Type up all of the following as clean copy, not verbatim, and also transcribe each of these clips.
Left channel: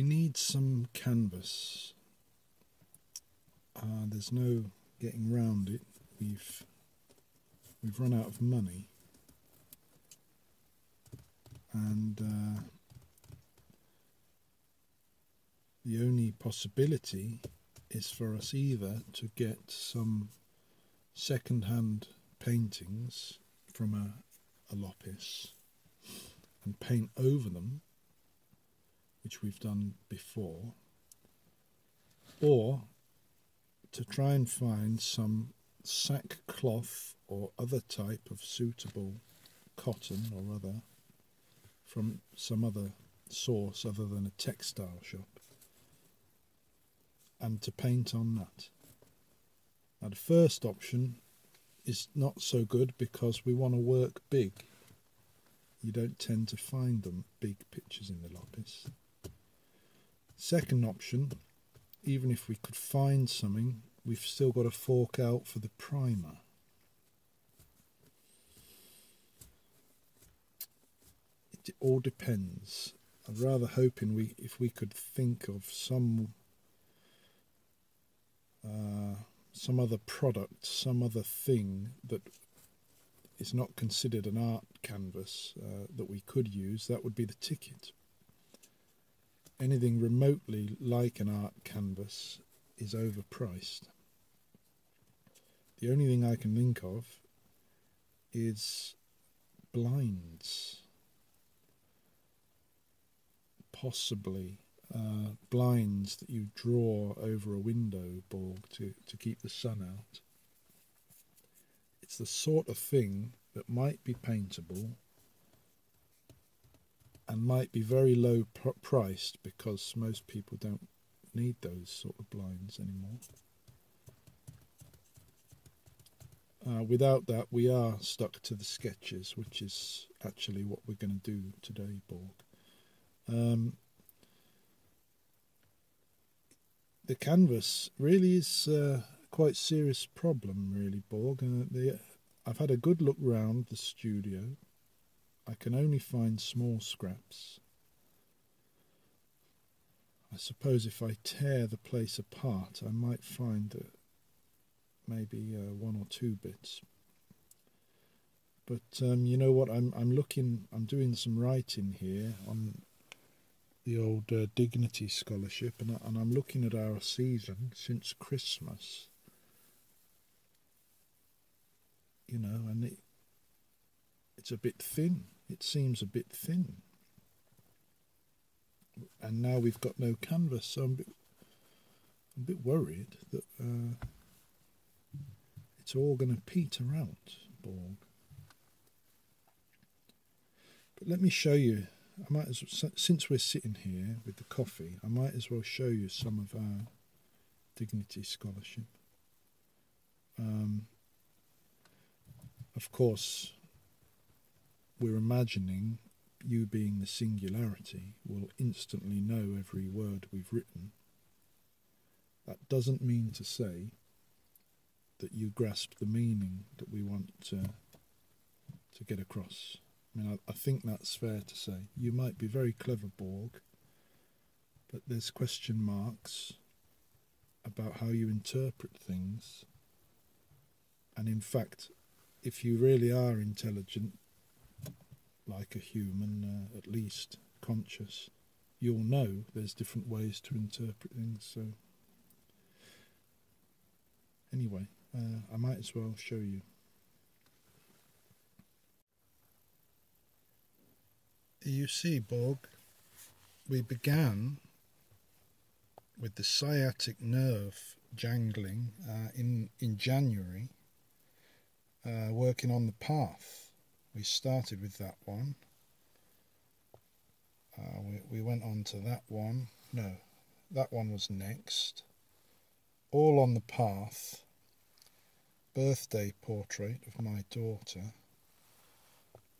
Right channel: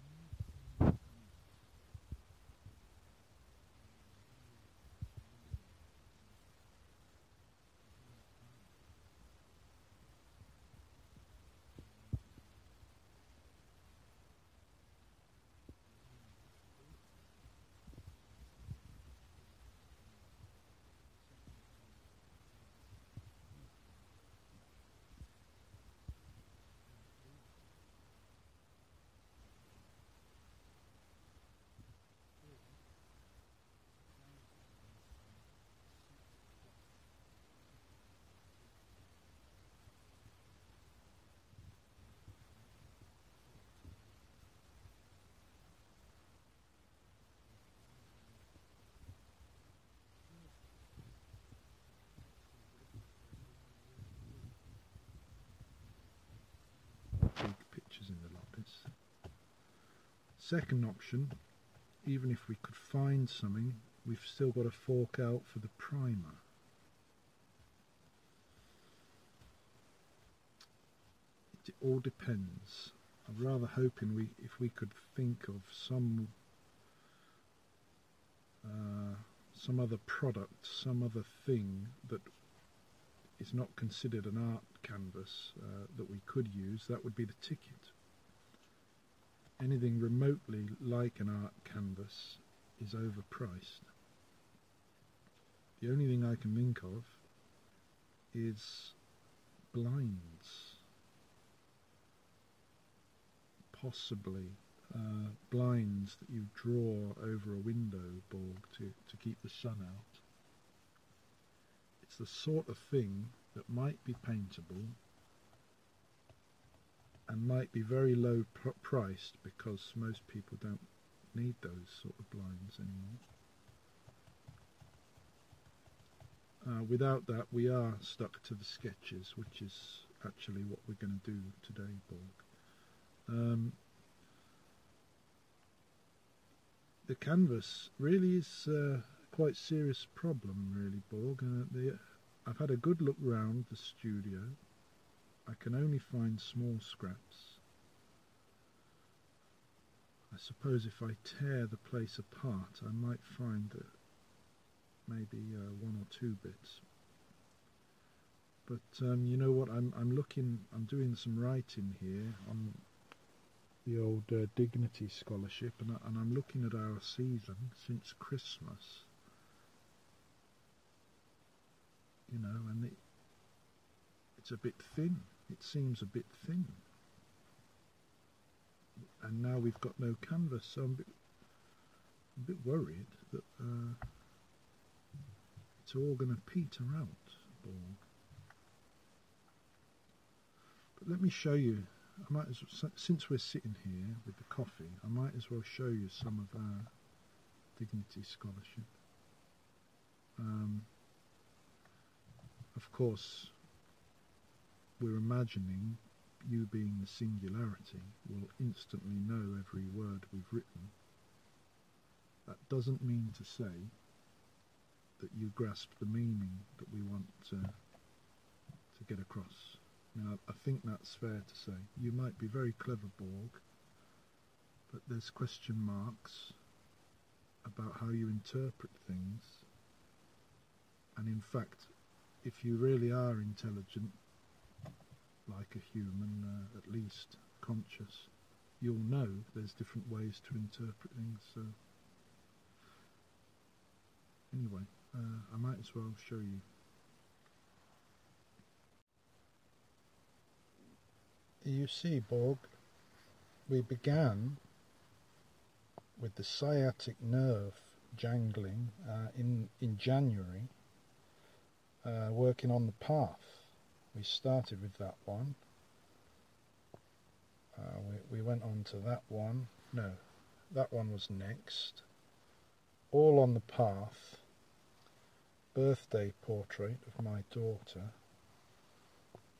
we need some canvas. There's no getting round it. We've run out of money, and the only possibility is for us either to get some second-hand paintings from a loppis and paint over them, which we've done before, or to try and find some sackcloth or other type of suitable cotton or other from some other source other than a textile shop, and to paint on that. Now the first option is not so good because we want to work big. You don't tend to find them big pictures in the loppis. Second option, even if we could find something, we've still got to fork out for the primer. It all depends. I'm rather hoping if we could think of some other product, some other thing that is not considered an art canvas that we could use, that would be the ticket. Anything remotely like an art canvas is overpriced. The only thing I can think of is blinds. Possibly blinds that you draw over a window, Borg, to keep the sun out. It's the sort of thing that might be paintable and might be very low priced because most people don't need those sort of blinds anymore. Without that, we are stuck to the sketches, which is actually what we're going to do today, Borg. The canvas really is quite serious problem, really, Borg. I've had a good look round the studio. I can only find small scraps. I suppose if I tear the place apart, I might find maybe one or two bits. But you know what? I'm doing some writing here on the old Dignity Scholarship, and I'm looking at our season since Christmas. You know, and it's a bit thin. It seems a bit thin. And now we've got no canvas, so I'm a bit worried that it's all going to peter out, Borg. But let me show you. I might as well, since we're sitting here with the coffee, I might as well show you some of our Dignity Scholarship. Of course, we're imagining you, being the singularity, will instantly know every word we've written. That doesn't mean to say that you grasp the meaning that we want to get across. I mean, I think that's fair to say. You might be very clever, Borg, but there's question marks about how you interpret things. And in fact, if you really are intelligent, like a human, at least conscious, you'll know there's different ways to interpret things. So anyway, I might as well show you. You see, Borg, we began with the sciatic nerve jangling in January, working on the path. We started with that one. We went on to that one. No, that one was next. All on the path. Birthday portrait of my daughter.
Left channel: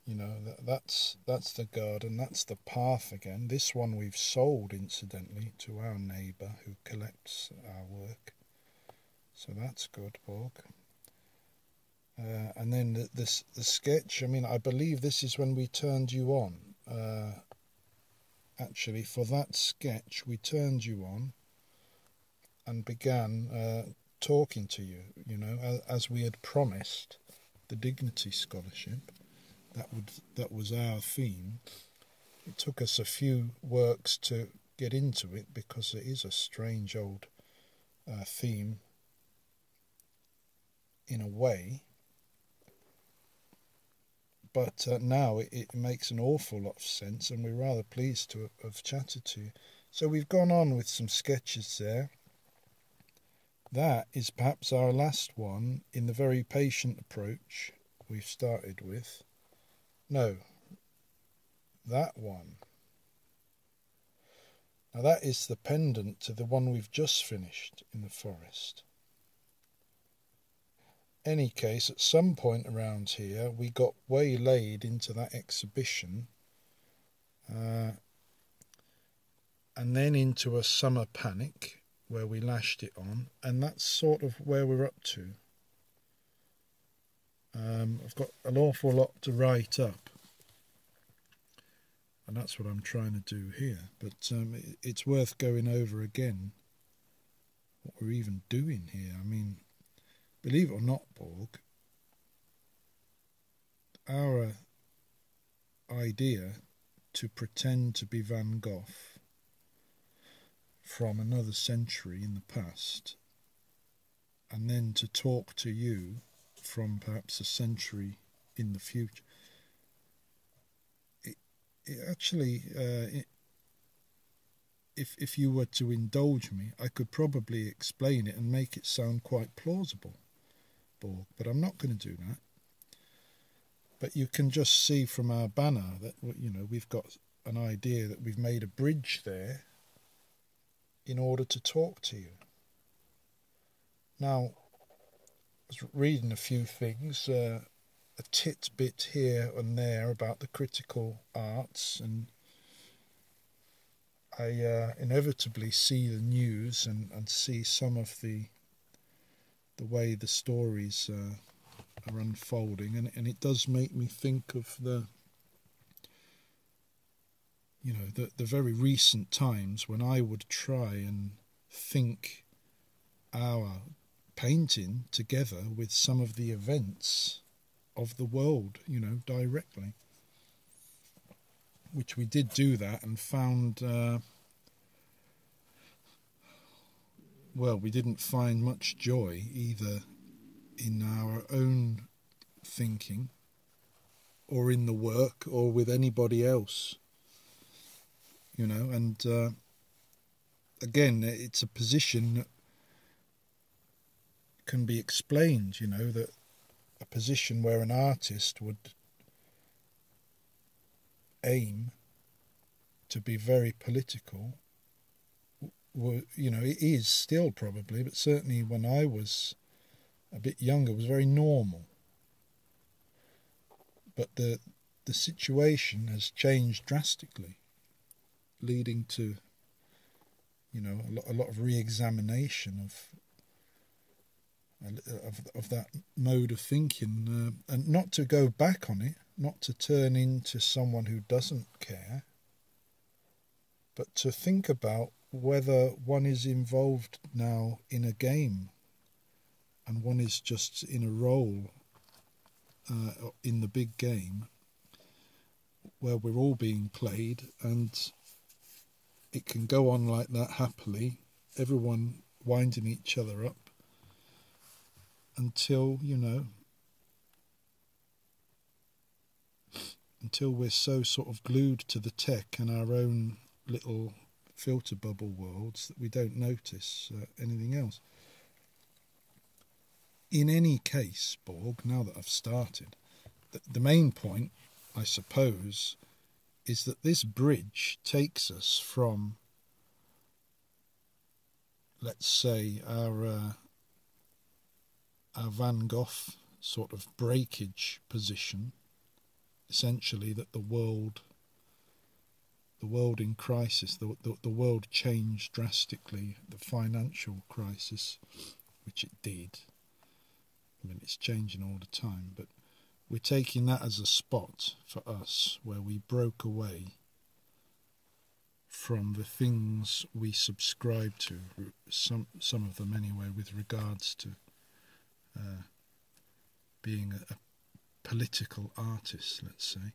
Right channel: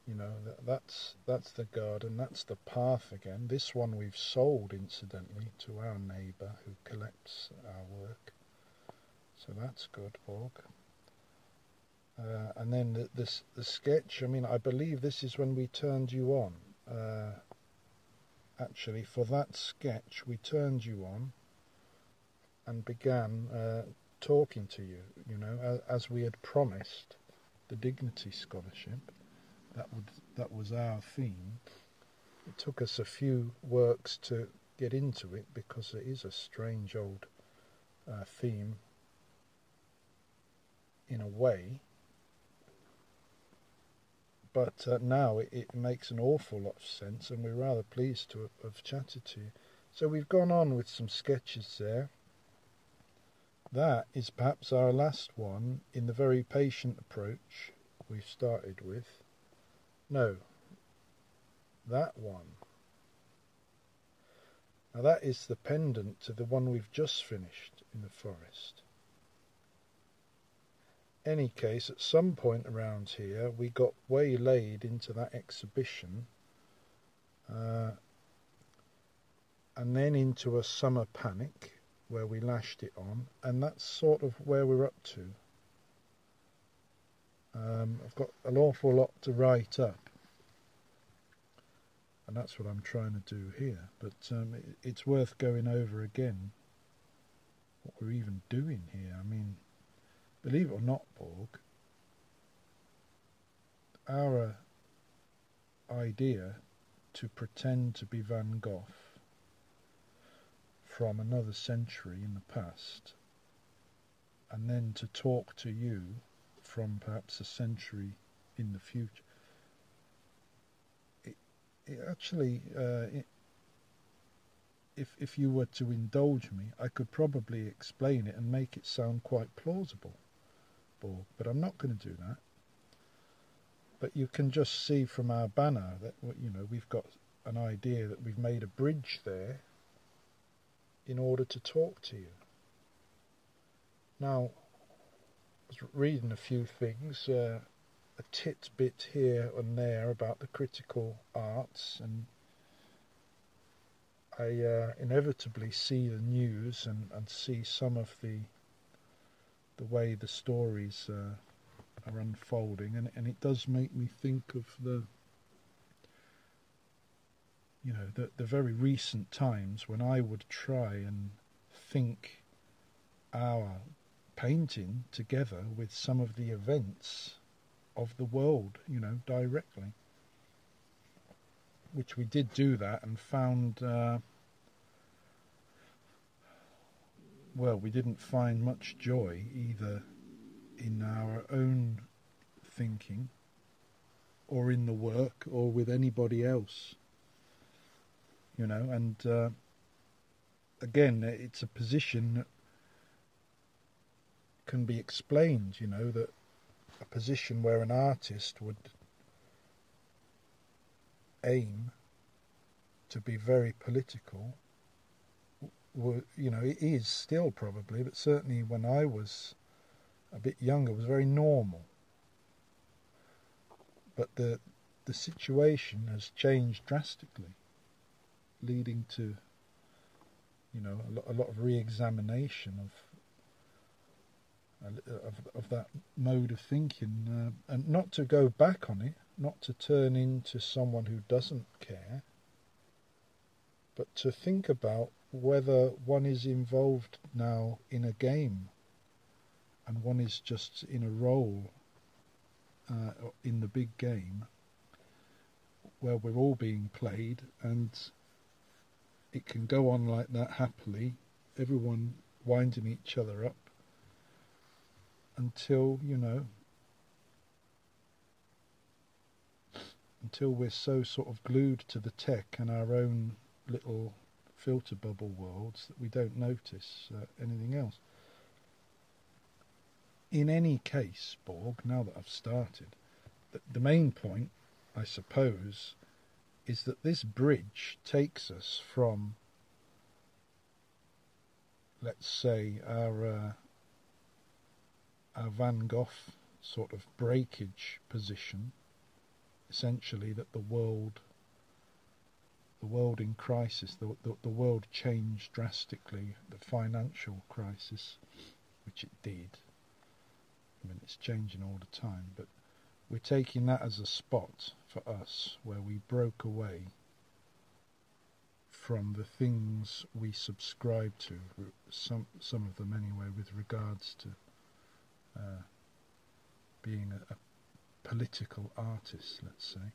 You know, that's the garden, that's the path again. This one we've sold, incidentally, to our neighbour who collects our work. So that's good, Borg. And then the sketch, I mean, I believe this is when we turned you on. actually, for that sketch, we turned you on and began talking to you, you know, as we had promised, the Dignity Scholarship. That was our theme. It took us a few works to get into it because it is a strange old theme in a way, but now it makes an awful lot of sense, and we're rather pleased to have chatted to you. So we've gone on with some sketches there. That is perhaps our last one in the very patient approach we've started with. No, that one. Now that is the pendant to the one we've just finished in the forest. Any case, at some point around here we got waylaid into that exhibition, and then into a summer panic where we lashed it on, and that's sort of where we're up to. I've got an awful lot to write up, and that's what I'm trying to do here, but it's worth going over again what we're even doing here. I mean, believe it or not, Borg, our idea to pretend to be Van Gogh from another century in the past, and then to talk to you from perhaps a century in the future, it actually, if you were to indulge me, I could probably explain it and make it sound quite plausible, Borg, but I'm not going to do that. But you can just see from our banner that, you know, we've got an idea that we've made a bridge there in order to talk to you. Now, I was reading a few things, a tidbit here and there about the critical arts, and I inevitably see the news and see some of the way the stories are unfolding, and it does make me think of the very recent times when I would try and think our painting together with some of the events of the world, you know, directly, which we did do that and found well, we didn't find much joy either in our own thinking or in the work or with anybody else, you know. And again, it's a position that can be explained, you know, that a position where an artist would aim to be very political, you know, it is still probably, but certainly when I was a bit younger, it was very normal. But the situation has changed drastically, leading to, you know, a lot of re-examination of that mode of thinking, and not to go back on it, not to turn into someone who doesn't care, but to think about whether one is involved now in a game and one is just in a role in the big game where we're all being played, and it can go on like that happily, everyone winding each other up until, you know, until we're so sort of glued to the tech and our own little filter bubble worlds that we don't notice anything else. In any case, Borg, now that I've started, the main point, I suppose, is that this bridge takes us from, let's say, our Van Gogh sort of breakage position, essentially that the world in crisis, the world changed drastically, the financial crisis, which it did. I mean, it's changing all the time, but we're taking that as a spot for us where we broke away from the things we subscribe to, some of them anyway, with regards to being a political artist, let's say,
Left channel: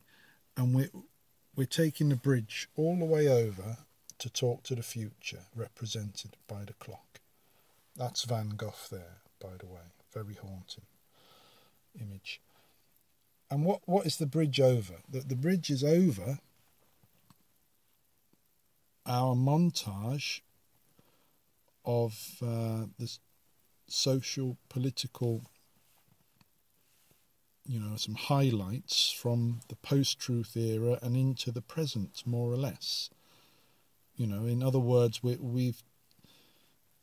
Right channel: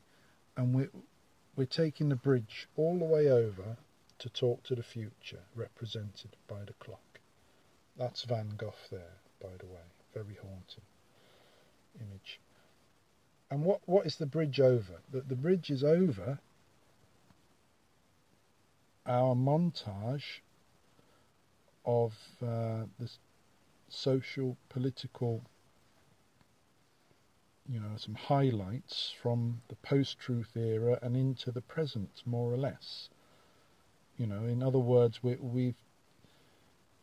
and we're taking the bridge all the way over to talk to the future, represented by the clock. That's Van Gogh there, by the way, very haunting image. And what is the bridge over? The bridge is over our montage of the social, political, some highlights from the post-truth era and into the present, more or less. In other words, we've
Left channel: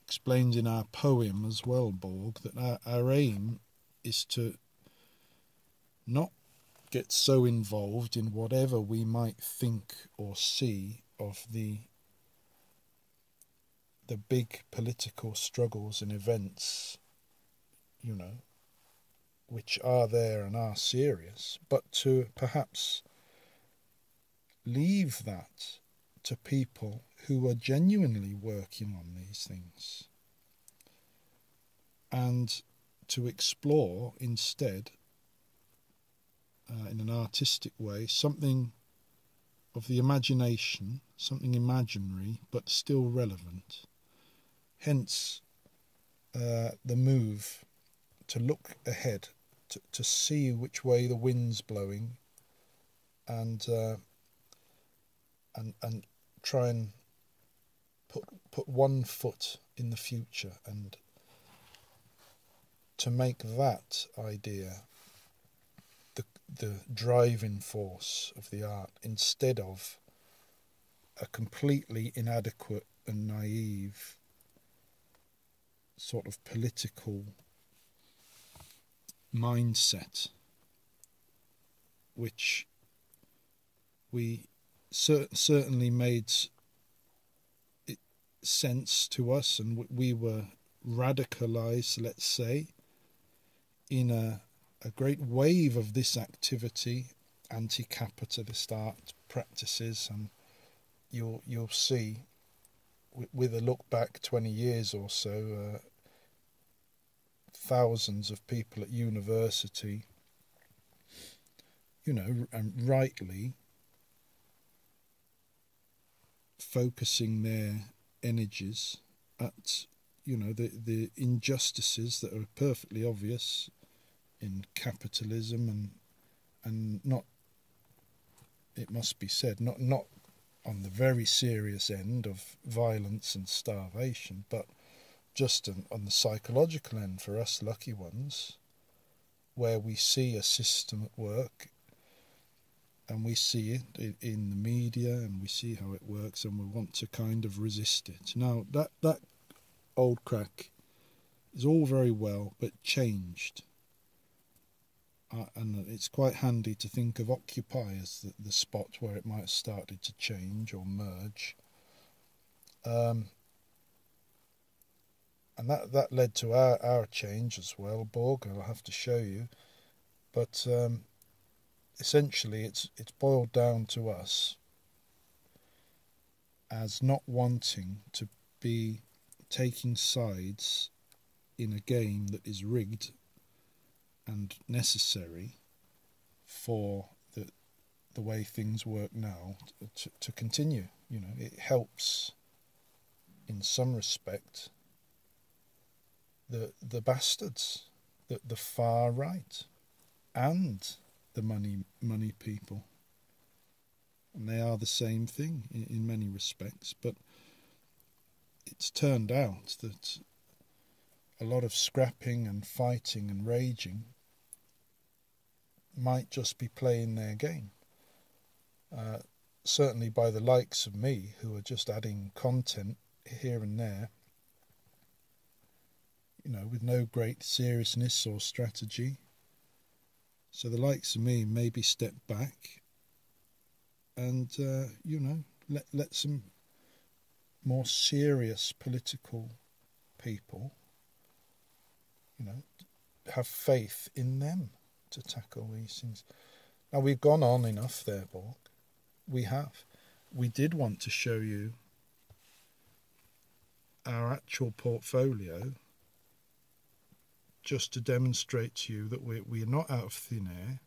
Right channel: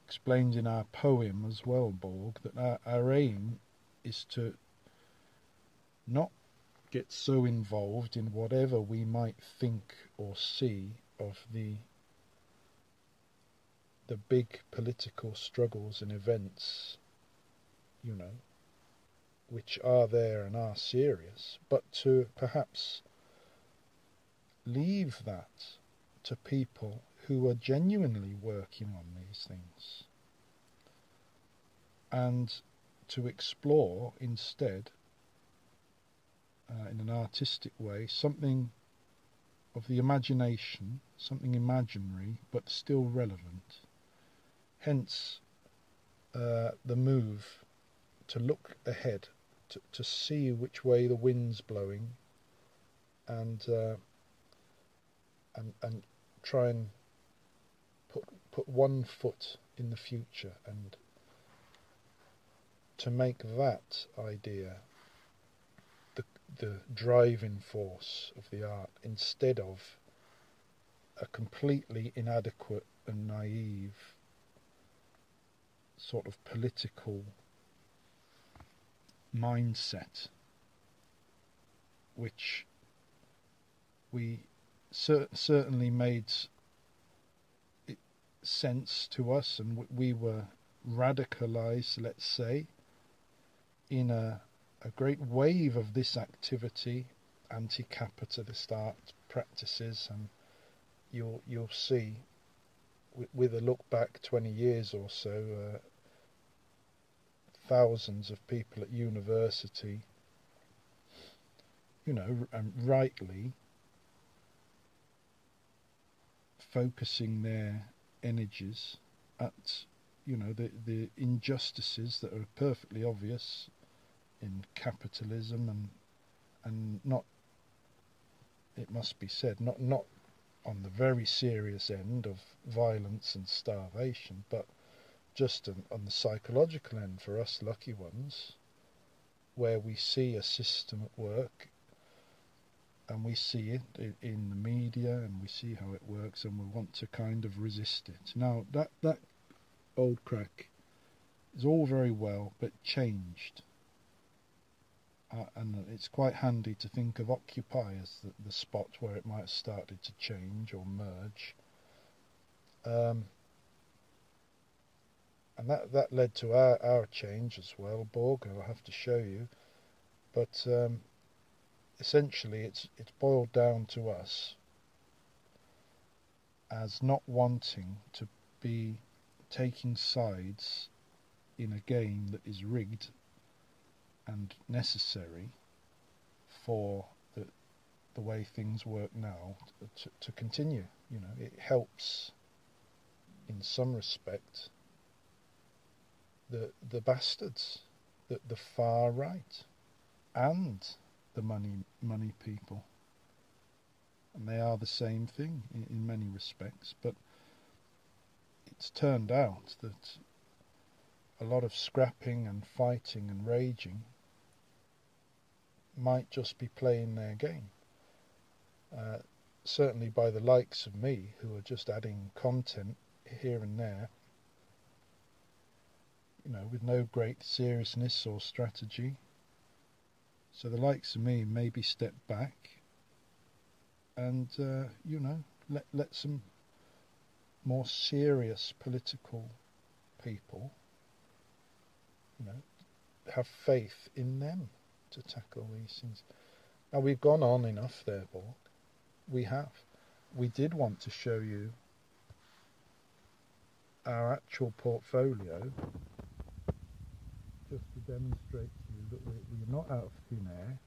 explained in our poem as well, Borg, that our aim is to not get so involved in whatever we might think or see of the big political struggles and events, which are there and are serious, but to perhaps leave that to people who are genuinely working on these things, and to explore instead, in an artistic way, something of the imagination, something imaginary but still relevant. Hence the move to look ahead, to see which way the wind's blowing, and try and put one foot in the future, and to make that idea the driving force of the art, instead of a completely inadequate and naive sort of political mindset, which we certainly made it sense to us, and we were radicalized, let's say, in a great wave of this activity, anti-capitalist art practices, and you'll see with a look back 20 years or so, thousands of people at university, and rightly focusing their energies at the injustices that are perfectly obvious in capitalism, and not, it must be said, not on the very serious end of violence and starvation, but just on the psychological end for us lucky ones, where we see a system at work, and we see it in the media, and we see how it works, and we want to kind of resist it. Now that old crack is all very well, but changed. And it's quite handy to think of Occupy as the spot where it might have started to change or merge. And that led to our change as well, Borg, I'll have to show you. But essentially it's boiled down to us as not wanting to be taking sides in a game that is rigged and necessary for the way things work now to continue. It helps in some respect the bastards, the far right, and the money people, and they are the same thing in many respects. But it's turned out that a lot of scrapping and fighting and raging might just be playing their game, certainly by the likes of me, who are just adding content here and there, with no great seriousness or strategy. So the likes of me maybe step back and let some more serious political people have faith in them to tackle these things. Now, we've gone on enough there, Borg. We have. We did want to show you our actual portfolio, just to demonstrate to you that we're not out of thin air,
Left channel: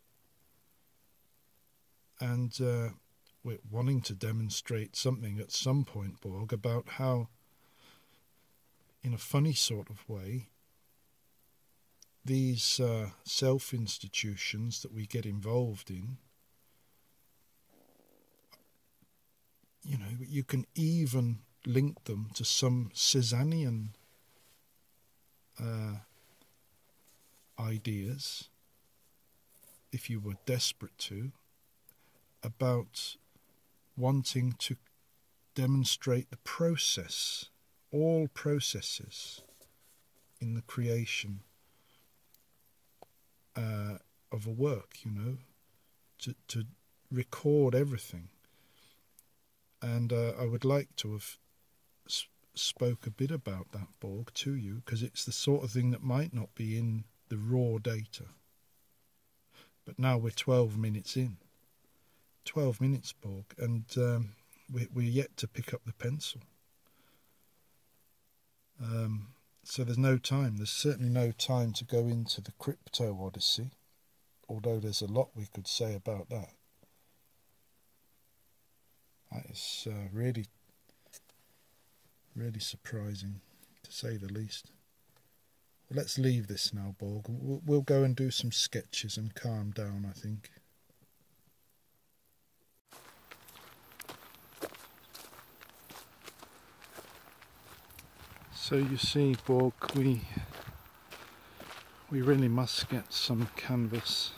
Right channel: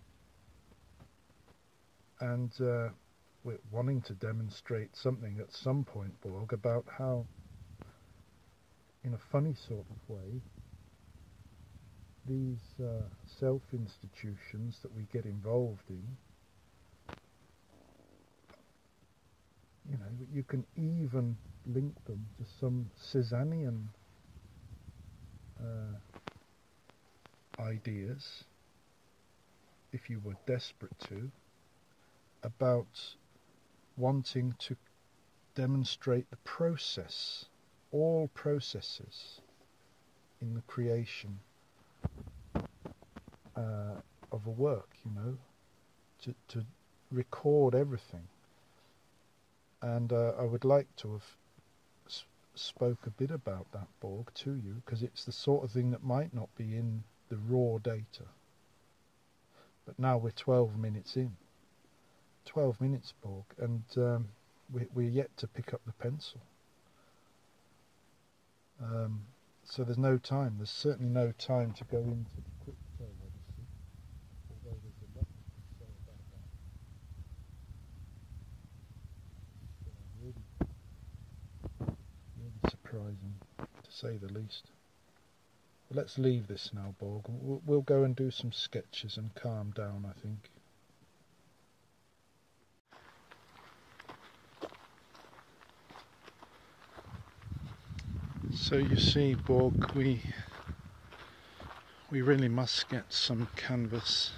and we're wanting to demonstrate something at some point, Borg, about how, in a funny sort of way, these self-institutions that we get involved in, you know, you can even link them to some Cézannean ideas, if you were desperate to, about wanting to demonstrate the process, all processes in the creation of a work, you know, to record everything. And I would like to have spoke a bit about that, Borg, to you, because it's the sort of thing that might not be in the raw data. But now we're 12 minutes in. 12 minutes, Borg, and we're yet to pick up the pencil. So there's no time. There's certainly no time to go into the crypto odyssey, although there's a lot we could say about that. It's really surprising, to say the least. Let's leave this now, Borg. We'll go and do some sketches and calm down, I think. So you see, Borg, we really must get some canvas,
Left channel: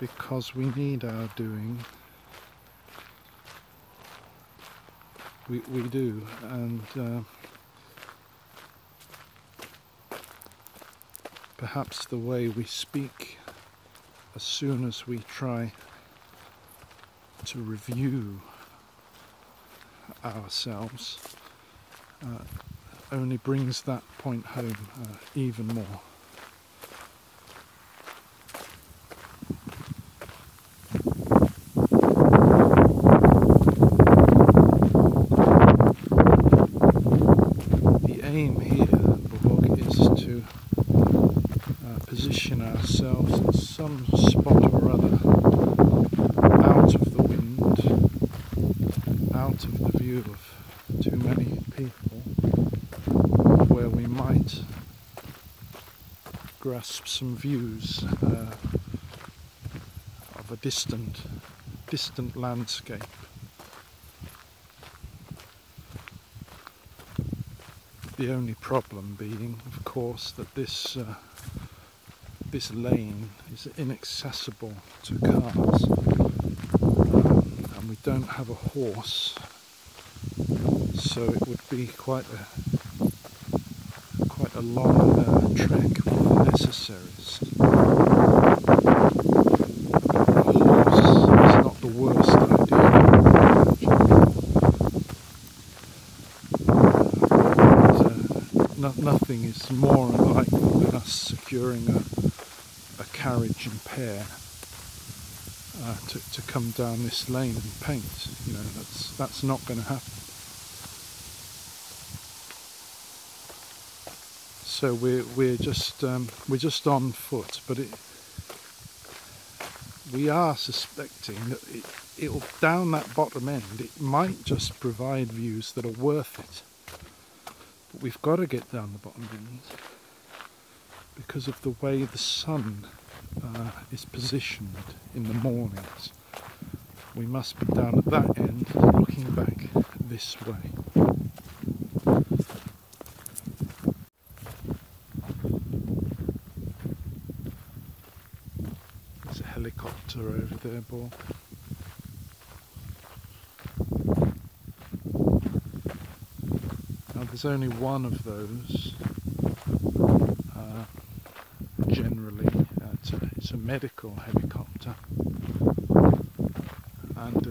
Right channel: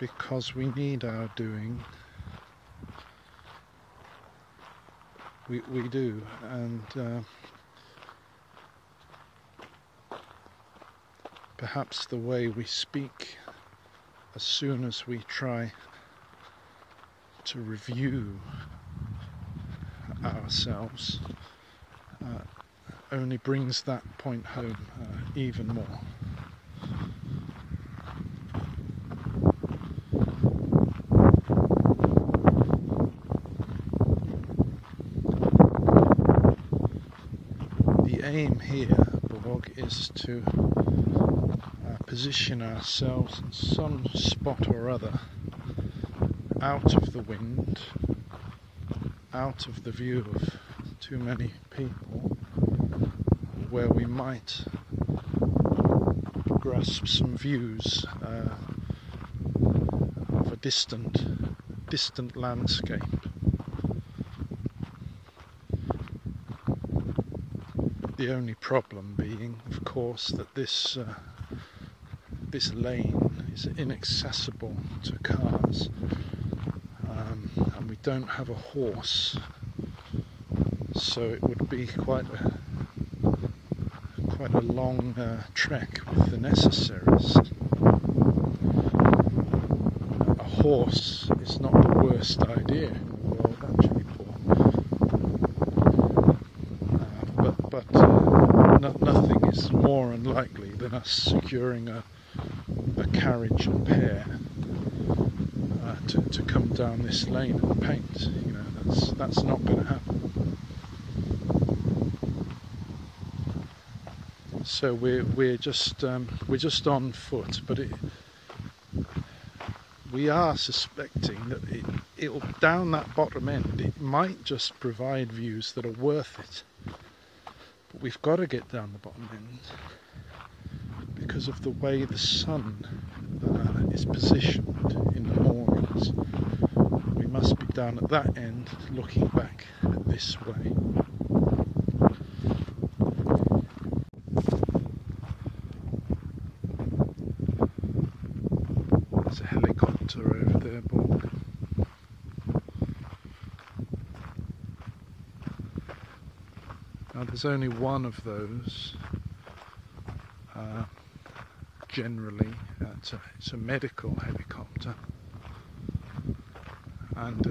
because we need our doing. We do, and perhaps the way we speak, as soon as we try to review ourselves, only brings that point home even more. Some views of a distant landscape. The only problem being, of course, that this lane is inaccessible to cars, and we don't have a horse, so it would be quite a long trek with the necessary. So we're just on foot, but we are suspecting that it down that bottom end, it might just provide views that are worth it. But we've got to get down the bottom end because of the way the sun is positioned in the mornings. We must be down at that end, looking back this way. There's only one of those, generally, it's a medical helicopter, and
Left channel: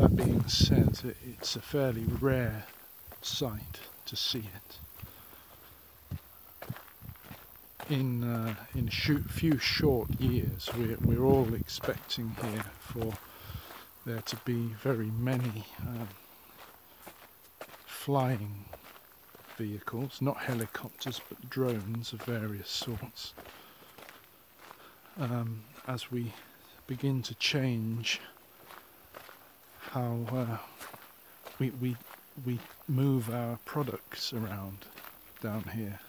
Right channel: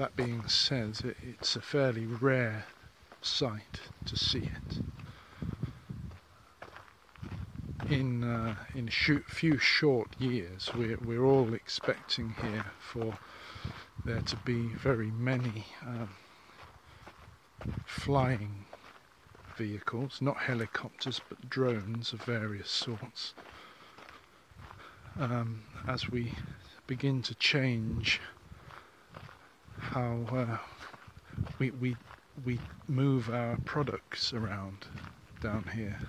that being said, it's a fairly rare sight to see it. In few short years, we're all expecting for there to be very many to change how we move our products around down here.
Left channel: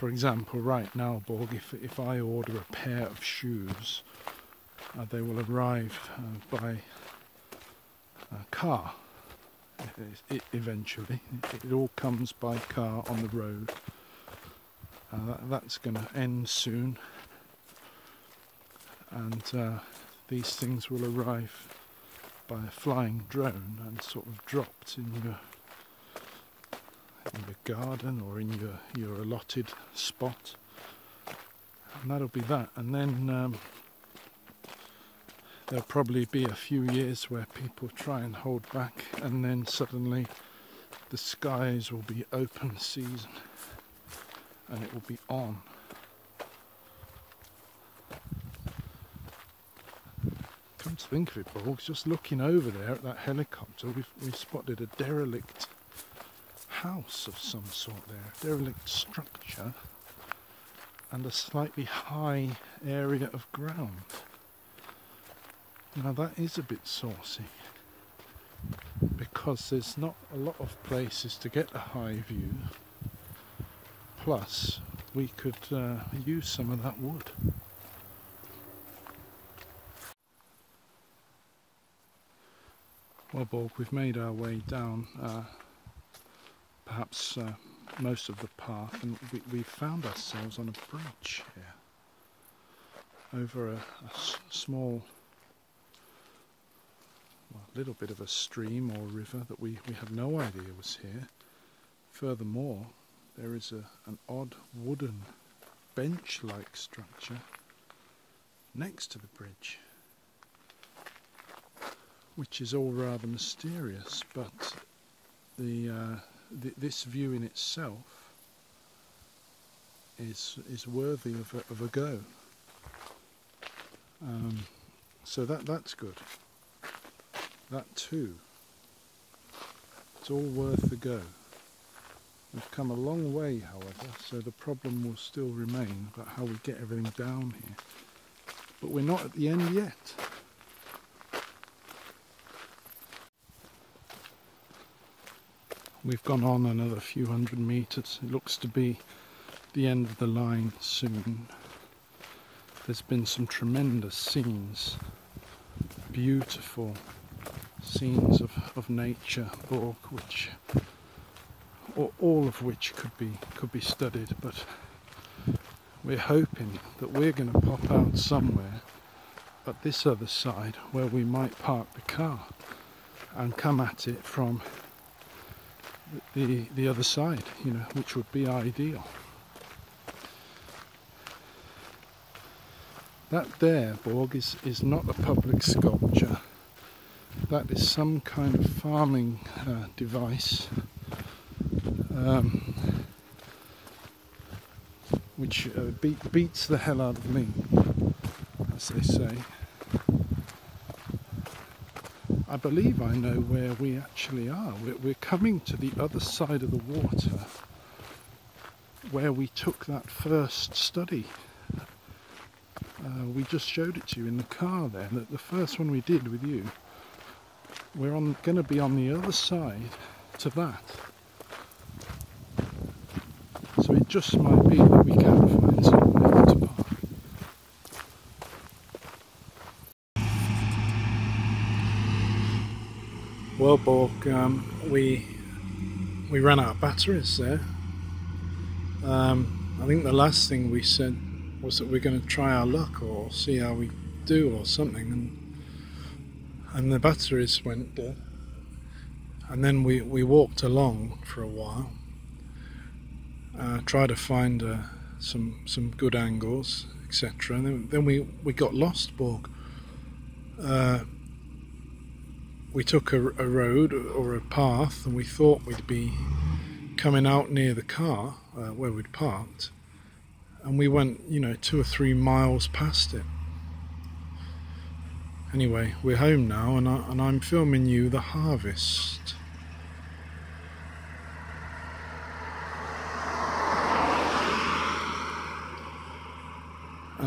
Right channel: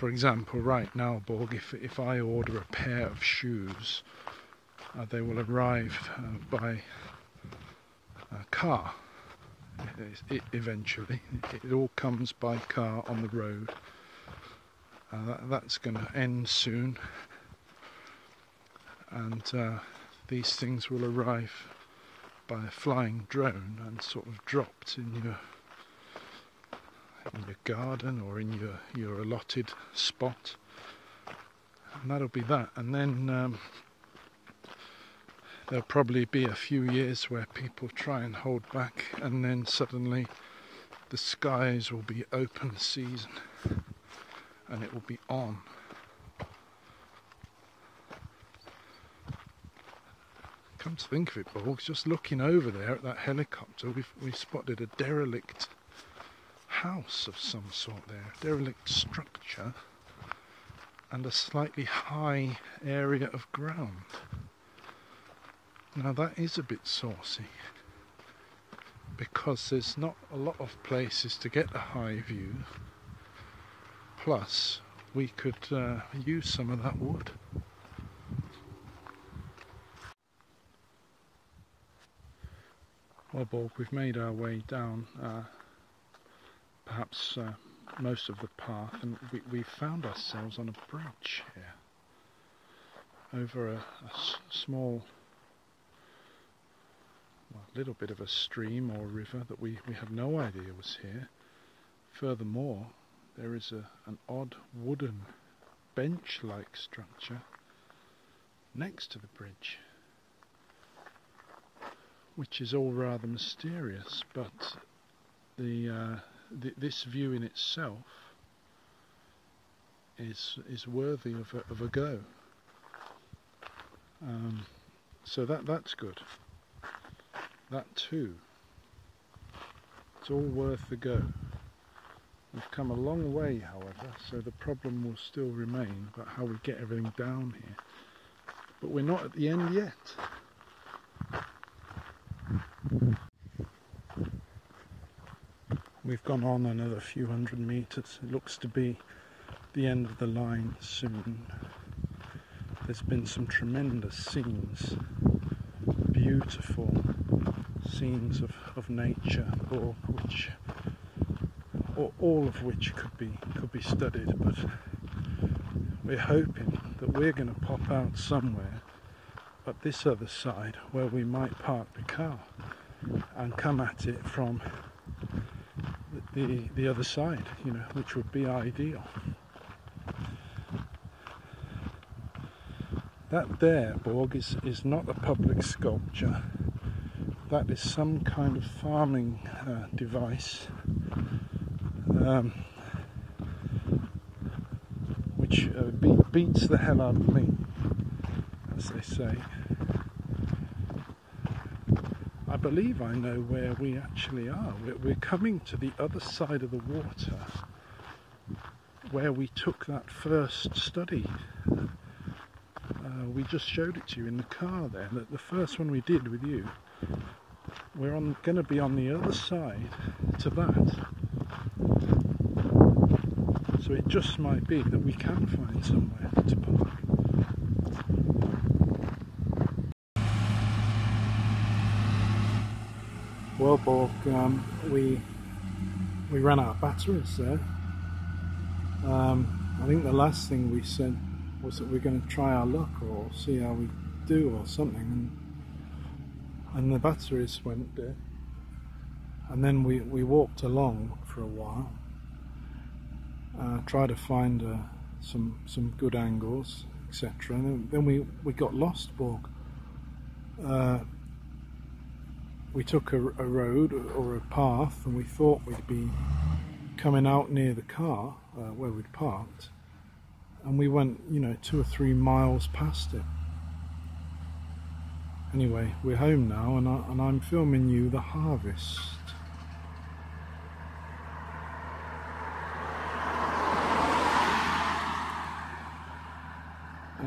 For example, right now, Borg, if I order a pair of shoes, they will arrive by a car eventually. It all comes by car on the road, and that's going to end soon, and these things will arrive by a flying drone and sort of dropped in your garden or in your allotted spot, and that'll be that. And then there'll probably be a few years where people try and hold back, and then suddenly the skies will be open season and it will be on. Come to think of it, I was just looking over there at that helicopter. We spotted a derelict house of some sort there, a derelict structure, and a slightly high area of ground. Now that is a bit saucy, because there's not a lot of places to get the high view. Plus, we could use some of them. Well, Borg, we've made our way down perhaps most of the park, and we found ourselves on a bridge over a small little bit of a stream or a river that we had no idea was here. Furthermore, there is an odd wooden bench-like structure next to the bridge, which is all rather mysterious, but this view in itself is worthy of a go. So that's good. That too, it's all worth the go. We've come a long way, however, so the problem will still remain about how we get everything down here. But we're not at the end yet. We've gone on another few hundred metres. It looks to be the end of the line soon. There's been some tremendous scenes, beautiful scenes of nature, Borg, which all of which could be studied, but we're hoping that we're going to pop out somewhere at this other side where we might park the car and come at it from the other side, which would be ideal. That there, Borg, is not a public sculpture. That is some kind of farming device, which beats the hell out of me, as they say. I believe I know where we actually are. We're coming to the other side of the water, where we took that first study. We just showed it to you in the car there, the first one we did with you. We're going to be on the other side to that. So it just might be that we can find somewhere to park. Well, Borg, we ran out of batteries there. I think the last thing we said was that we're going to try our luck or see how we do or something, and the batteries went dead. And then we walked along for a while, tried to find some good angles, etc. And then we got lost, Borg. We took a road or a path, and we thought we'd be coming out near the car where we'd parked, and we went 2 or 3 miles past it. Anyway, we're home now, and I'm filming you the harvest.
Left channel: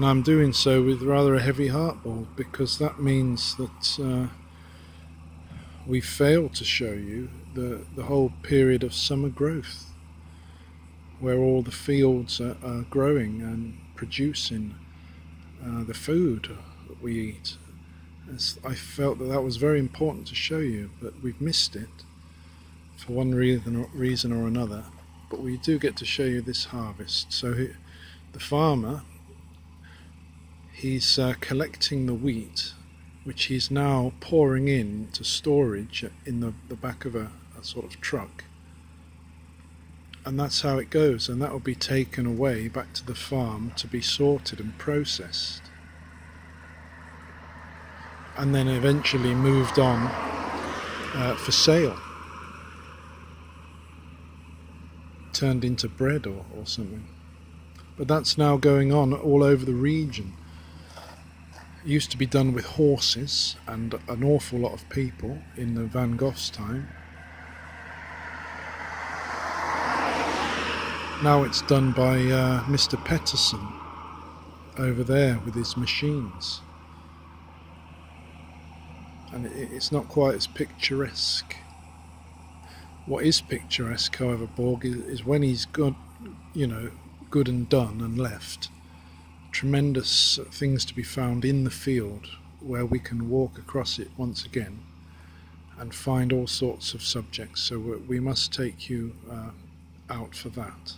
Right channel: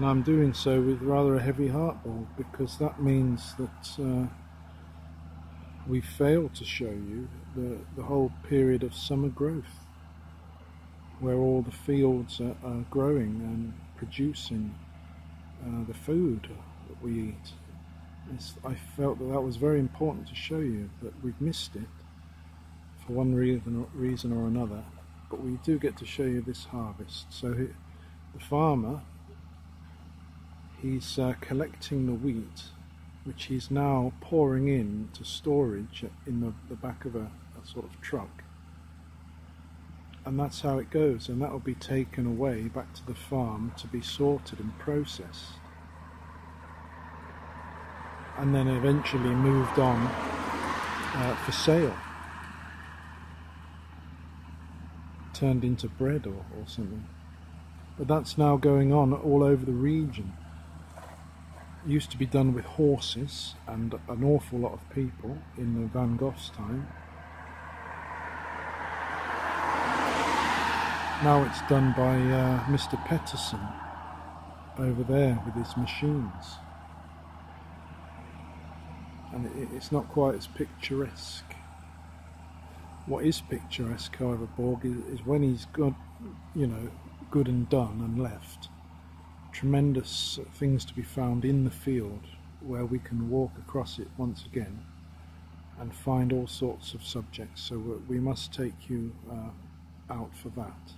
And I'm doing so with rather a heavy heart, Borg, because that means that we failed to show you the whole period of summer growth, where all the fields are growing and producing the food that we eat. I felt that was very important to show you, but we've missed it for one reason or another. But we do get to show you this harvest. So the farmer, he's collecting the wheat, which he's now pouring into storage in the back of a sort of truck. And that's how it goes, and that will be taken away back to the farm to be sorted and processed, and then eventually moved on for sale, turned into bread or something. But that's now going on all over the region. It used to be done with horses and an awful lot of people in the Van Gogh's time. Now it's done by Mr. Peterson over there with his machines. And it's not quite as picturesque. What is picturesque, however, Borg, is when he's got, good and done and left. Tremendous things to be found in the field where we can walk across it once again and find all sorts of subjects. So we must take you out for that.